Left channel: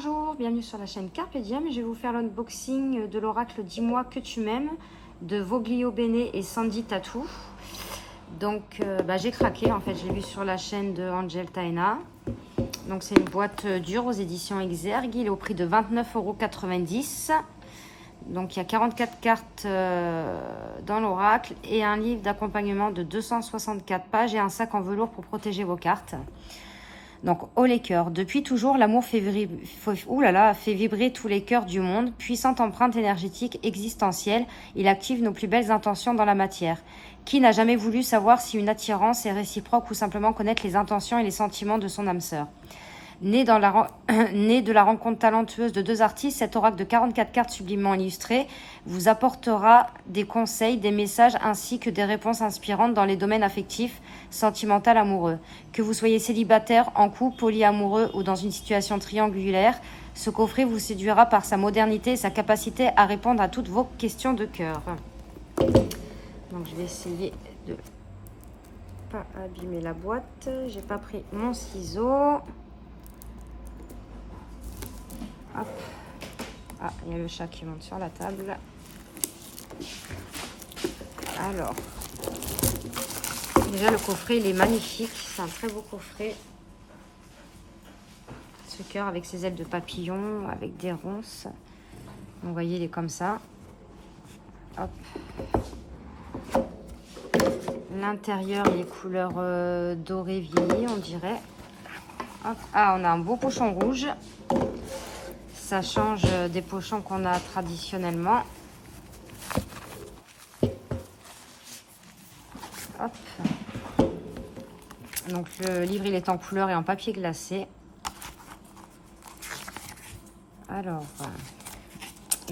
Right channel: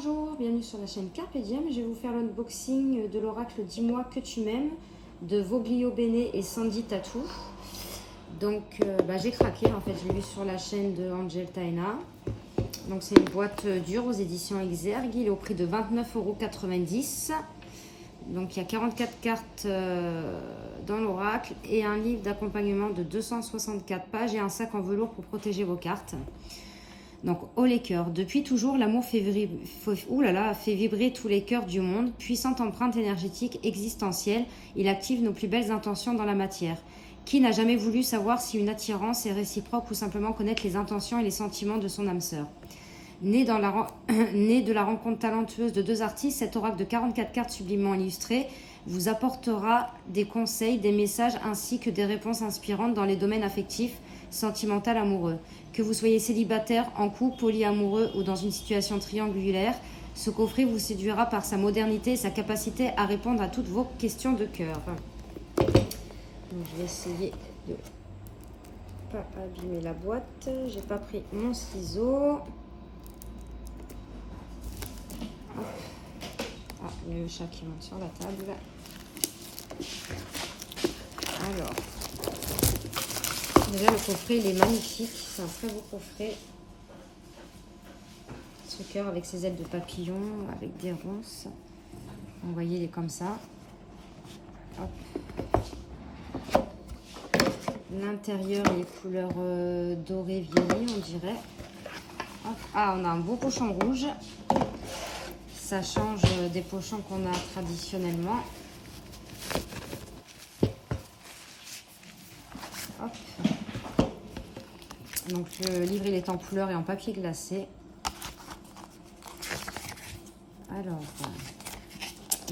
Bonjour, bienvenue sur la chaîne Carpe Diem. Je vais vous faire l'unboxing de l'oracle Dis-moi que tu m'aimes de Voglio Bene et Sandy Tattoo. Donc j'ai craqué, en fait, j'ai vu sur la chaîne de Angel Taina. Donc c'est une boîte dure aux éditions Exergue, il est au prix de 29,90 €. Donc il y a 44 cartes dans l'oracle et un livre d'accompagnement de 264 pages et un sac en velours pour protéger vos cartes. Donc, haut les cœurs. Depuis toujours, l'amour fait vibrer tous les cœurs du monde. Puissante empreinte énergétique existentielle, il active nos plus belles intentions dans la matière. Qui n'a jamais voulu savoir si une attirance est réciproque ou simplement connaître les intentions et les sentiments de son âme sœur? Né de la rencontre talentueuse de deux artistes, cet oracle de 44 cartes sublimement illustrées vous apportera des conseils, des messages ainsi que des réponses inspirantes dans les domaines affectifs, sentimental, amoureux. Que vous soyez célibataire, en couple, polyamoureux ou dans une situation triangulaire, ce coffret vous séduira par sa modernité et sa capacité à répondre à toutes vos questions de cœur. Donc je vais essayer de pas abîmer la boîte. J'ai pas pris mon ciseau. Hop. Ah, il y a le chat qui monte sur la table. Alors, déjà le coffret il est magnifique, c'est un très beau coffret. Ce cœur avec ses ailes de papillon, avec des ronces. Vous voyez, il est comme ça. Hop. L'intérieur, les couleurs dorées vieillies, on dirait. Hop. Ah, on a un beau pochon rouge. Ça change des pochons qu'on a traditionnellement. Hop. Donc le livre il est en couleur et en papier glacé. Alors,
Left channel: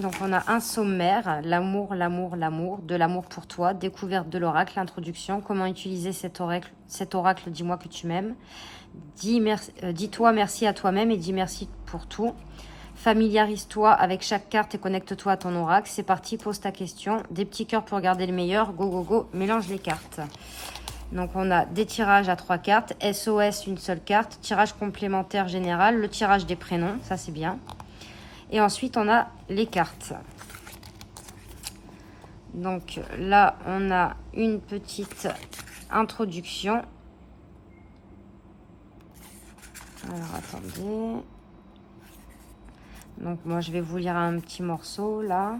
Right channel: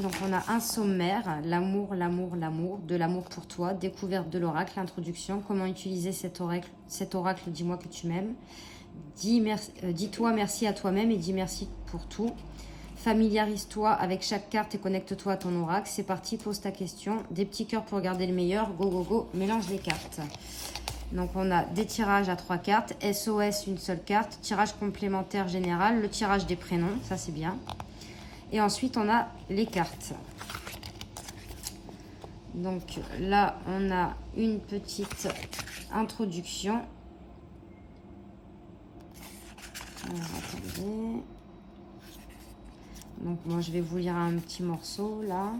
donc on a un sommaire, l'amour, l'amour, l'amour, de l'amour pour toi, découverte de l'oracle, introduction, comment utiliser cet oracle, dis-moi que tu m'aimes. Dis-toi merci à toi-même et dis merci pour tout. Familiarise-toi avec chaque carte et connecte-toi à ton oracle. C'est parti, pose ta question. Des petits cœurs pour garder le meilleur. Go, go, go, mélange les cartes. Donc, on a des tirages à 3 cartes. SOS, une seule carte. Tirage complémentaire général. Le tirage des prénoms, ça c'est bien. Et ensuite, on a les cartes. Donc, là, on a une petite introduction. Alors, attendez. Donc, moi, je vais vous lire un petit morceau, là.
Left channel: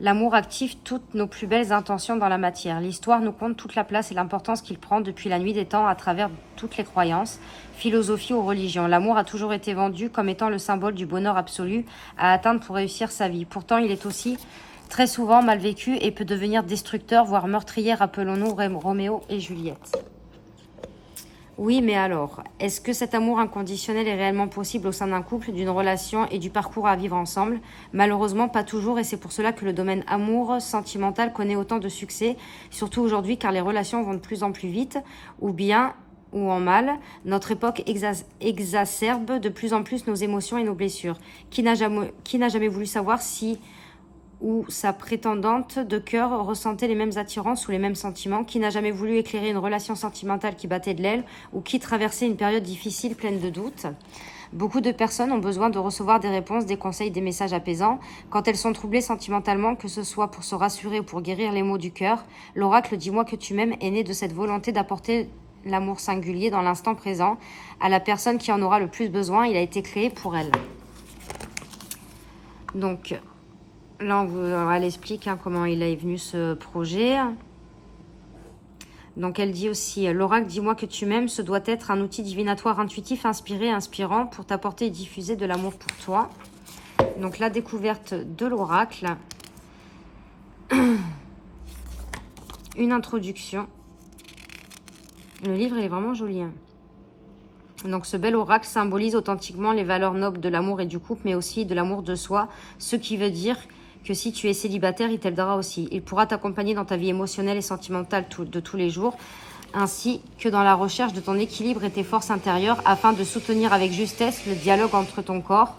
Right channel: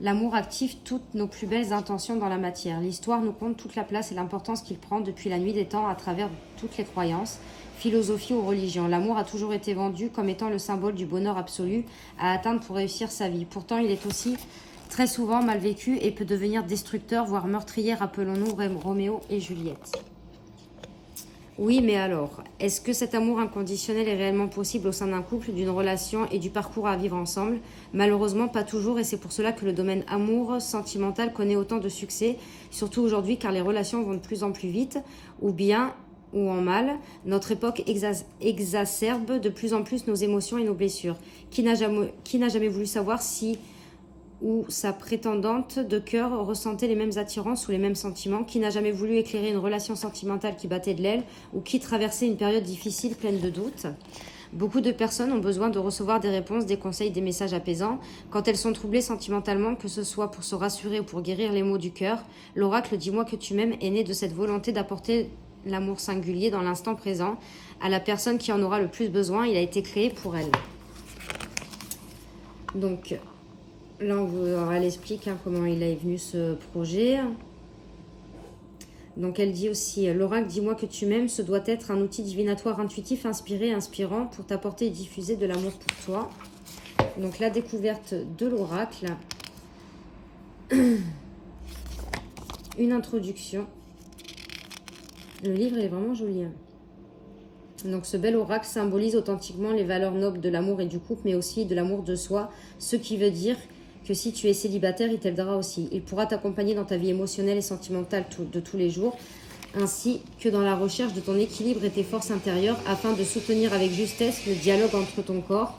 L'amour active toutes nos plus belles intentions dans la matière. L'histoire nous compte toute la place et l'importance qu'il prend depuis la nuit des temps à travers toutes les croyances, philosophies ou religions. L'amour a toujours été vendu comme étant le symbole du bonheur absolu à atteindre pour réussir sa vie. Pourtant, il est aussi très souvent mal vécu et peut devenir destructeur, voire meurtrier. Rappelons-nous Roméo et Juliette. Oui, mais alors, est-ce que cet amour inconditionnel est réellement possible au sein d'un couple, d'une relation et du parcours à vivre ensemble? Malheureusement, pas toujours, et c'est pour cela que le domaine amour sentimental connaît autant de succès, surtout aujourd'hui car les relations vont de plus en plus vite, ou bien ou en mal. Notre époque exacerbe de plus en plus nos émotions et nos blessures. Qui n'a jamais voulu savoir si ou sa prétendante de cœur ressentait les mêmes attirances ou les mêmes sentiments? Qui n'a jamais voulu éclairer une relation sentimentale qui battait de l'aile ou qui traversait une période difficile pleine de doutes? Beaucoup de personnes ont besoin de recevoir des réponses, des conseils, des messages apaisants. Quand elles sont troublées sentimentalement, que ce soit pour se rassurer ou pour guérir les maux du cœur, l'oracle Dis-moi que tu m'aimes est né de cette volonté d'apporter l'amour singulier dans l'instant présent à la personne qui en aura le plus besoin. Il a été créé pour elle. Donc, là, elle explique comment il est venu ce projet. Donc, elle dit aussi, l'oracle Dis-moi que tu m'aimes, ce doit être un outil divinatoire intuitif, inspiré, inspirant pour t'apporter et diffuser de l'amour pour toi. Donc, la découverte de l'oracle. Une introduction. Le livre, il est vraiment joli. Donc, ce bel oracle symbolise authentiquement les valeurs nobles de l'amour et du couple, mais aussi de l'amour de soi, ce qui veut dire que si tu es célibataire, il t'aidera aussi. Il pourra t'accompagner dans ta vie émotionnelle et sentimentale de tous les jours, ainsi que dans la recherche de ton équilibre et tes forces intérieures, afin de soutenir avec justesse le dialogue entre ton corps,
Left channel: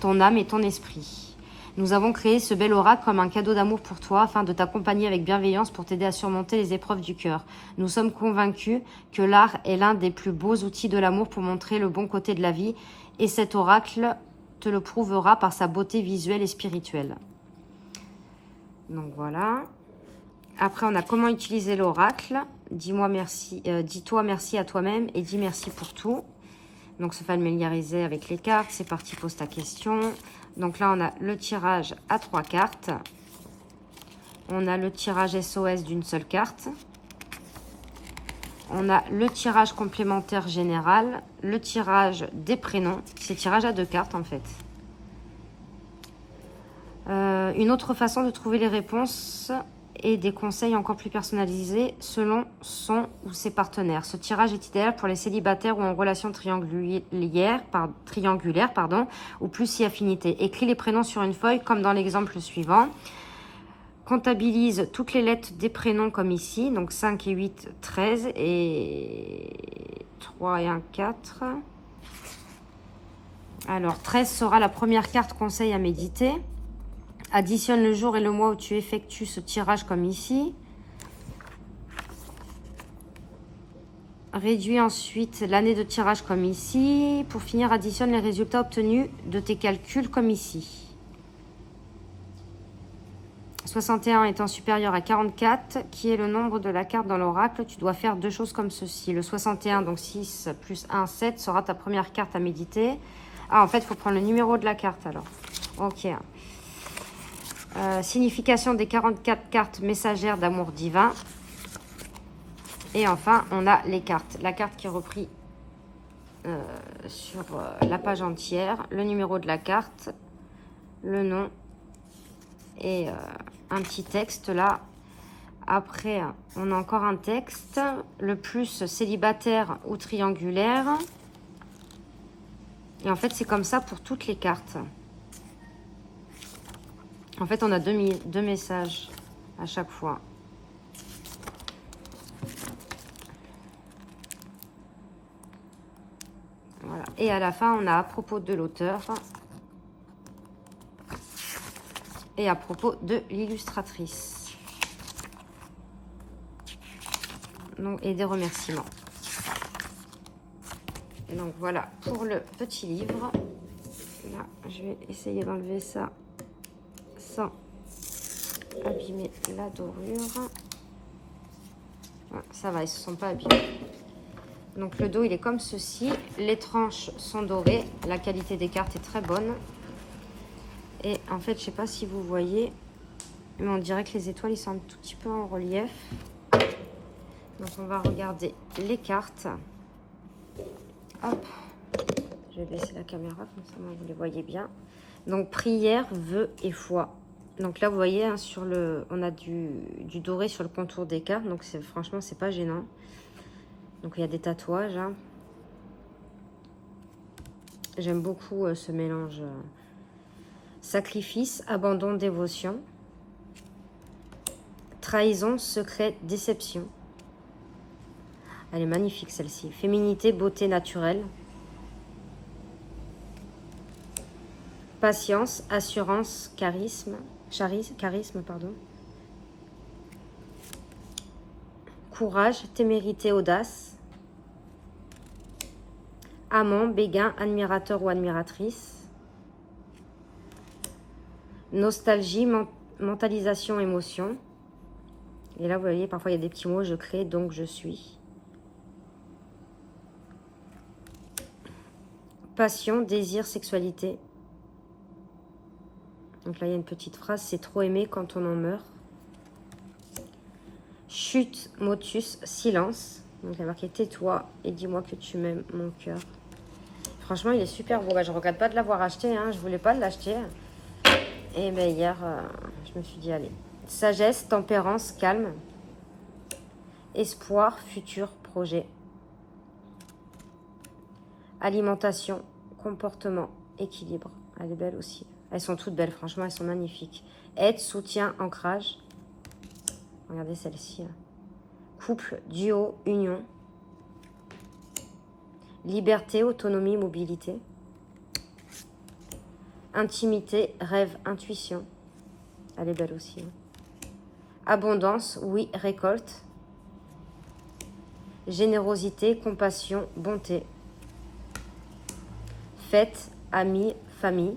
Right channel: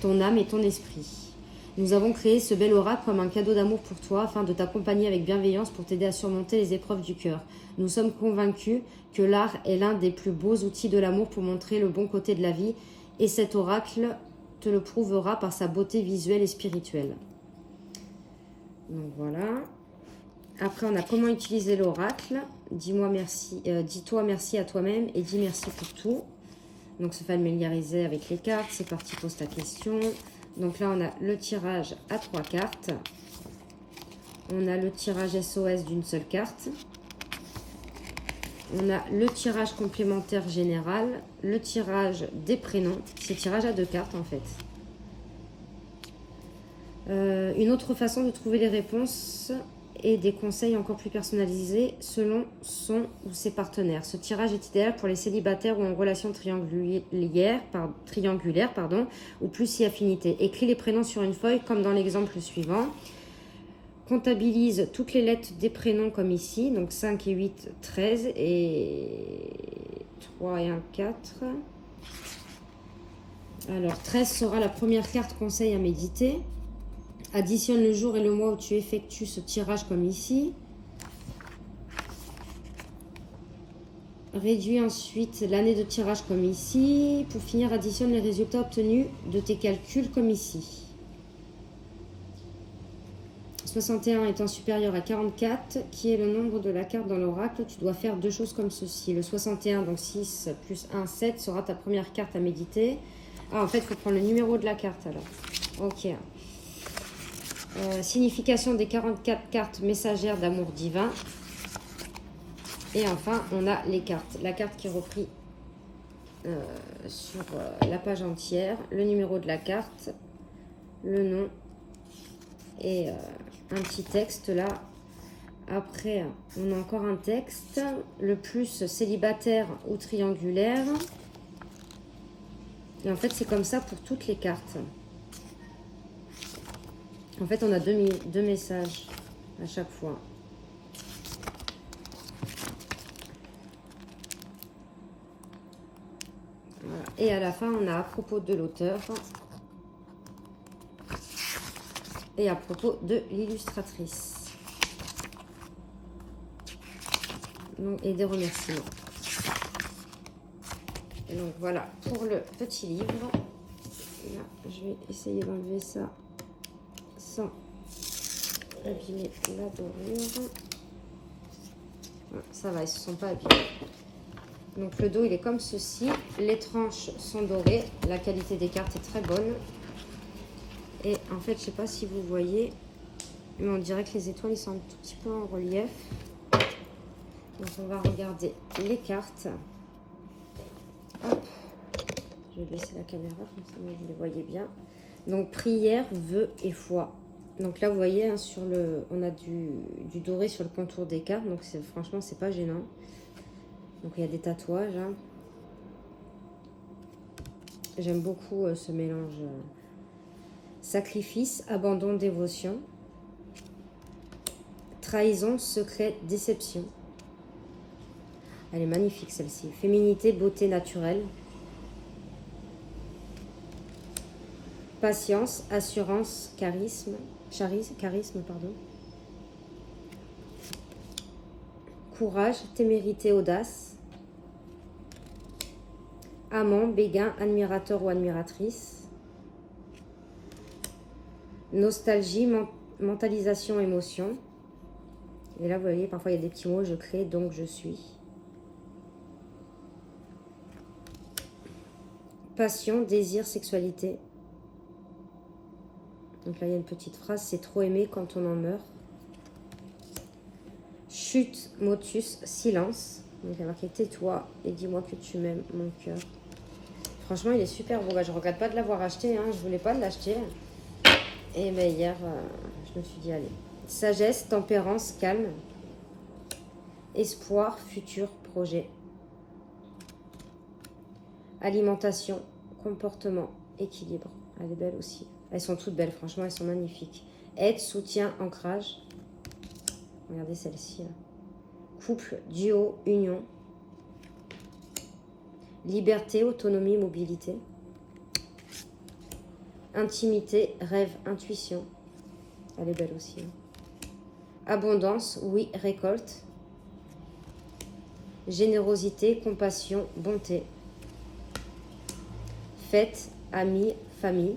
ton âme et ton esprit. Nous avons créé ce bel oracle comme un cadeau d'amour pour toi, afin de t'accompagner avec bienveillance pour t'aider à surmonter les épreuves du cœur. Nous sommes convaincus que l'art est l'un des plus beaux outils de l'amour pour montrer le bon côté de la vie, et cet oracle te le prouvera par sa beauté visuelle et spirituelle. Donc voilà. Après, on a comment utiliser l'oracle. Dis-moi merci, dis-toi merci à toi-même et dis merci pour tout. Donc, se familiariser avec les cartes. C'est parti, pose ta question. Donc là, on a le tirage à 3 cartes. On a le tirage SOS d'une seule carte. On a le tirage complémentaire général. Le tirage des prénoms. C'est tirage à 2 cartes, en fait. Une autre façon de trouver les réponses et des conseils encore plus personnalisés selon son ou ses partenaires. Ce tirage est idéal pour les célibataires ou en relation triangulaire, ou plus si affinité. Écris les prénoms sur une feuille comme dans l'exemple suivant. Comptabilise toutes les lettres des prénoms comme ici. Donc 5 et 8, 13 et 3 et 1, 4. Alors 13 sera la première carte conseil à méditer. Additionne le jour et le mois où tu effectues ce tirage comme ici. Réduis ensuite l'année de tirage comme ici. Pour finir, additionne les résultats obtenus de tes calculs comme ici. 61 étant supérieur à 44, qui est le nombre de la carte dans l'oracle, tu dois faire 2 choses comme ceci. Le 61, donc 6 plus 1, 7, sera ta première carte à méditer. Ah, en fait, il faut prendre le numéro de la carte alors. Ok. Signification des 44 cartes messagères d'amour divin. Et enfin, on a les cartes. La carte qui est reprise sur la page entière. Le numéro de la carte. Le nom. Et un petit texte là. Après, on a encore un texte. Le plus célibataire ou triangulaire. Et en fait, c'est comme ça pour toutes les cartes. En fait, on a deux messages à chaque fois. Voilà. Et à la fin, on a à propos de l'auteur et à propos de l'illustratrice. Et des remerciements. Et donc voilà pour le petit livre. Là, je vais essayer d'enlever ça sans abîmer la dorure. Voilà, ça va, ils ne se sont pas abîmés. Donc le dos, il est comme ceci. Les tranches sont dorées. La qualité des cartes est très bonne. Et en fait, je ne sais pas si vous voyez, mais on dirait que les étoiles, ils sont un tout petit peu en relief. Donc on va regarder les cartes. Hop. Je vais baisser la caméra, comme ça vous les voyez bien. Donc prière, vœux et foi. Donc là, vous voyez, hein, on a du doré sur le contour des cartes. Donc franchement, c'est pas gênant. Donc il y a des tatouages. Hein. J'aime beaucoup ce mélange. Sacrifice, abandon, dévotion. Trahison, secret, déception. Elle est magnifique celle-ci. Féminité, beauté naturelle. Patience, assurance, charisme, pardon. Courage, témérité, audace. Amant, béguin, admirateur ou admiratrice. Nostalgie, mentalisation, émotion. Et là, vous voyez, parfois il y a des petits mots. Je crée, donc je suis. Passion, désir, sexualité. Donc là, il y a une petite phrase. C'est trop aimé quand on en meurt. Chute, motus, silence. Donc il y a marqué tais-toi et dis-moi que tu m'aimes, mon cœur. Franchement, il est super beau. Bah, je ne regrette pas de l'avoir acheté. Hein. Je ne voulais pas l'acheter. Et ben, hier, je me suis dit, allez. Sagesse, tempérance, calme. Espoir, futur, projet. Alimentation, comportement, équilibre. Elle est belle aussi. Elles sont toutes belles, franchement, elles sont magnifiques. Aide, soutien, ancrage. Regardez celle-ci. Couple, duo, union. Liberté, autonomie, mobilité. Intimité, rêve, intuition. Elle est belle aussi. Abondance, oui, récolte. Générosité, compassion, bonté. Fête, amis, famille,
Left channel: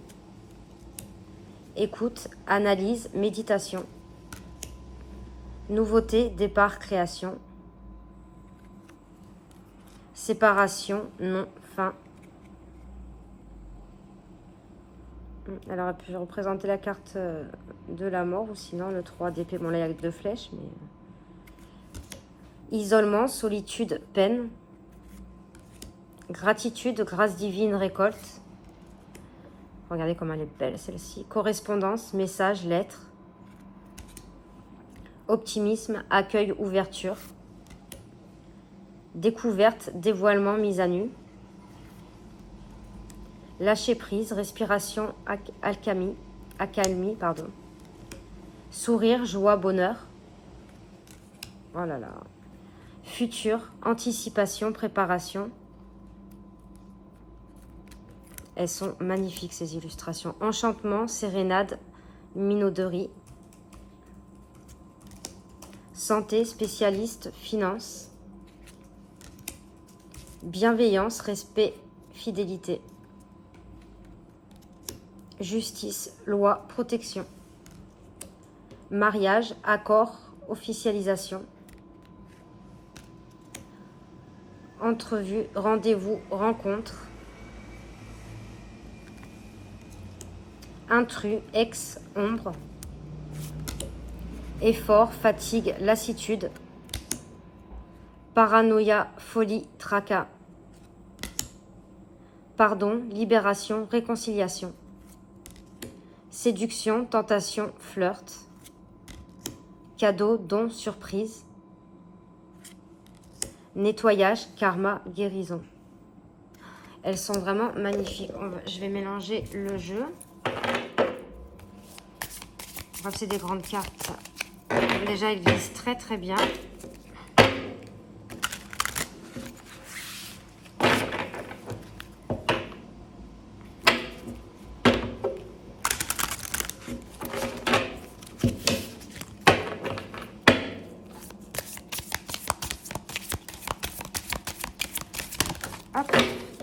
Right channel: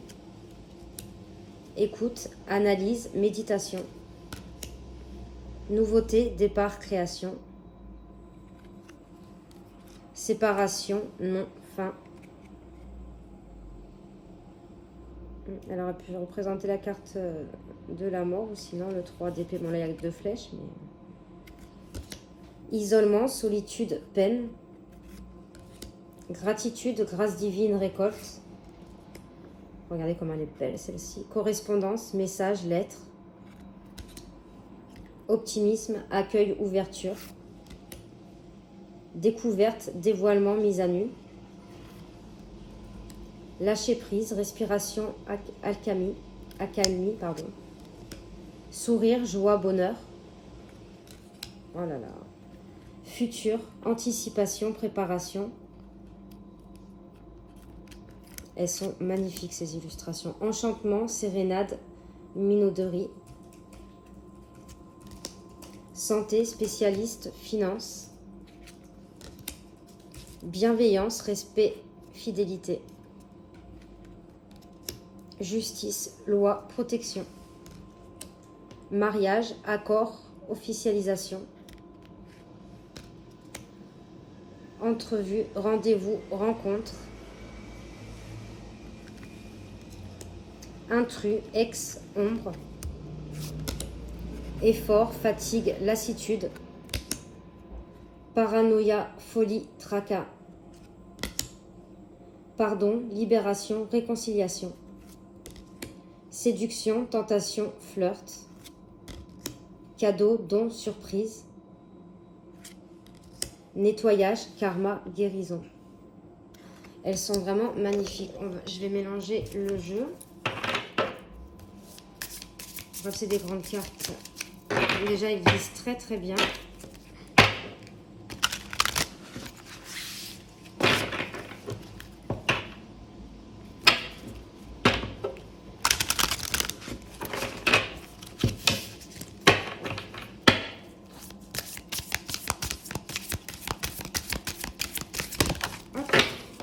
écoute, analyse, méditation, nouveauté, départ, création, séparation, non, fin. Elle aurait pu représenter la carte de la mort ou sinon le 3 d'épée. Bon, là, il y a 2 flèches, mais... Isolement, solitude, peine. Gratitude, grâce divine, récolte. Regardez comme elle est belle, celle-ci. Correspondance, message, lettre. Optimisme, accueil, ouverture. Découverte, dévoilement, mise à nu. Lâcher prise, respiration, accalmie, pardon. Sourire, joie, bonheur. Oh là là. Futur, anticipation, préparation. Elles sont magnifiques ces illustrations. Enchantement, sérénade, minauderie. Santé, spécialiste, finance. Bienveillance, respect, fidélité. Justice, loi, protection. Mariage, accord, officialisation. Entrevue, rendez-vous, rencontre. Intrus, ex, ombre. Effort, fatigue, lassitude. Paranoïa, folie, tracas. Pardon, libération, réconciliation. Séduction, tentation, flirt. Cadeau, don, surprise. Nettoyage, karma, guérison. Elles sont vraiment magnifiques. Je vais mélanger le jeu. C'est des grandes cartes. Déjà, ils glissent très très bien.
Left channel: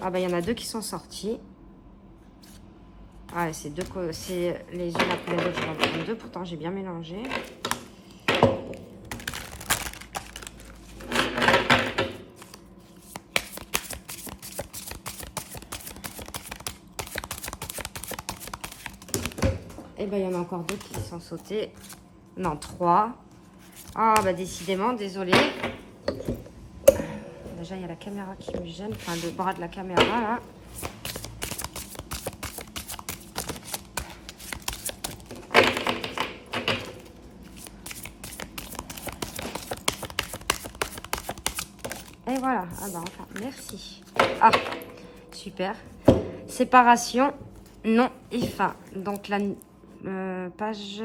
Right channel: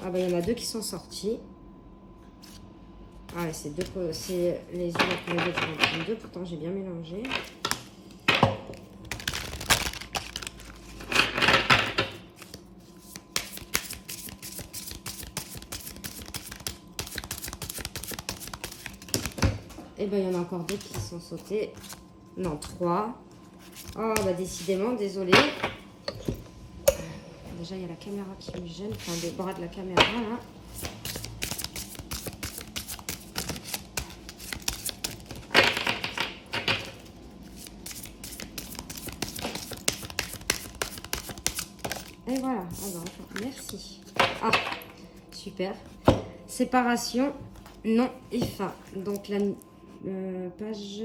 Ah ben, il y en a 2 qui sont sortis. Ah, c'est les yeux après les 2 qui vont prendre 2. Pourtant, j'ai bien mélangé. Et ben, il y en a encore 2 qui sont sautés. Non, 3. Ah, bah décidément, désolé. Déjà, il y a la caméra qui me gêne. Enfin, le bras de la caméra, là. Et voilà. Ah bah, enfin, merci. Ah, super. Séparation, non et fin. Donc, la page...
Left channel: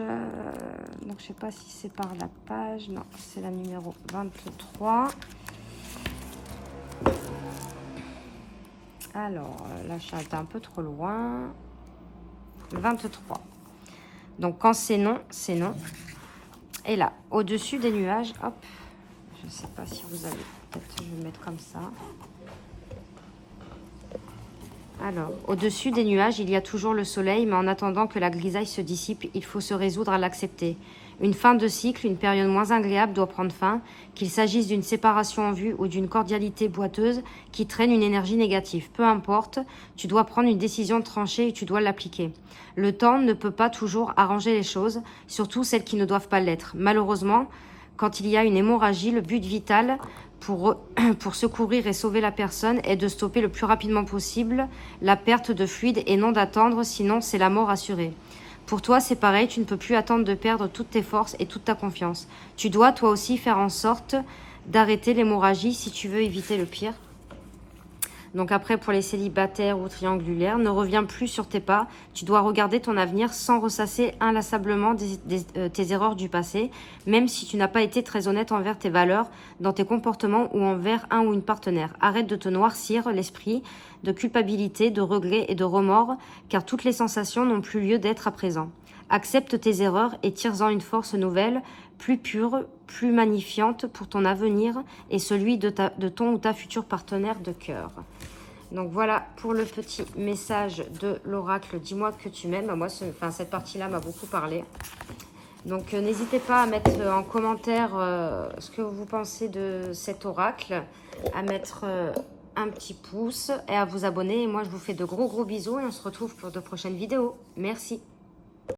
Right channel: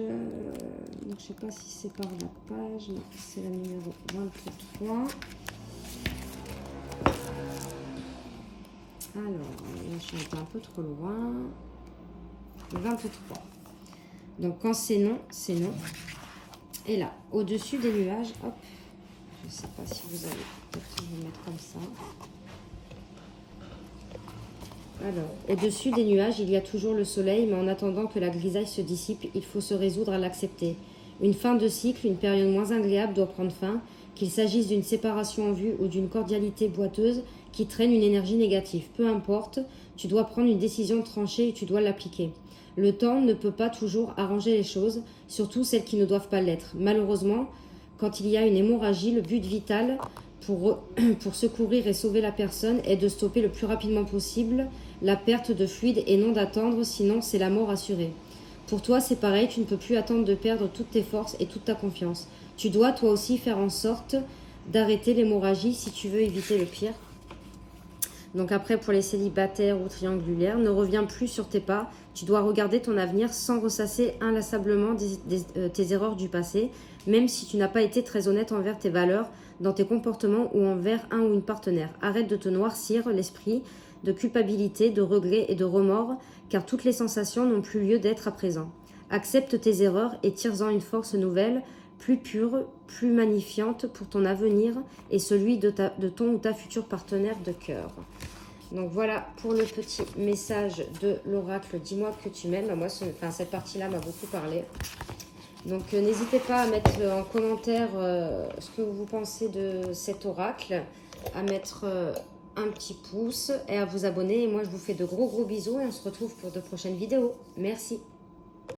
donc, je sais pas si c'est par la page. Non, c'est la numéro 23. Alors, là, je suis un peu trop loin. 23. Donc, quand c'est non, c'est non. Et là, au-dessus des nuages, hop, je ne sais pas si vous allez peut-être vous mettre comme ça. Alors, au-dessus des nuages, il y a toujours le soleil, mais en attendant que la grisaille se dissipe, il faut se résoudre à l'accepter. Une fin de cycle, une période moins agréable doit prendre fin, qu'il s'agisse d'une séparation en vue ou d'une cordialité boiteuse qui traîne une énergie négative. Peu importe, tu dois prendre une décision tranchée et tu dois l'appliquer. Le temps ne peut pas toujours arranger les choses, surtout celles qui ne doivent pas l'être. Malheureusement, quand il y a une hémorragie, le but vital pour secourir et sauver la personne est de stopper le plus rapidement possible la perte de fluide et non d'attendre, sinon c'est la mort assurée. Pour toi, c'est pareil, tu ne peux plus attendre de perdre toutes tes forces et toute ta confiance. Tu dois toi aussi faire en sorte d'arrêter l'hémorragie si tu veux éviter le pire. Donc après, pour les célibataires ou triangulaires, ne reviens plus sur tes pas. Tu dois regarder ton avenir sans ressasser inlassablement tes erreurs du passé, même si tu n'as pas été très honnête envers tes valeurs, dans tes comportements ou envers un ou une partenaire. Arrête de te noircir l'esprit de culpabilité, de regret et de remords, car toutes les sensations n'ont plus lieu d'être à présent. Accepte tes erreurs et tire-en une force nouvelle, plus pure, plus magnifiante pour ton avenir et celui de ton ou ta future partenaire de cœur. Donc voilà pour le petit message de l'oracle. Dis-moi que tu m'aimes. Moi, cette partie-là m'a beaucoup parlé. Donc n'hésitez pas à mettre en commentaire ce que vous pensez de cet oracle, à mettre un petit pouce et à vous abonner. Et moi, je vous fais de gros bisous et on se retrouve pour de prochaines vidéos. Merci.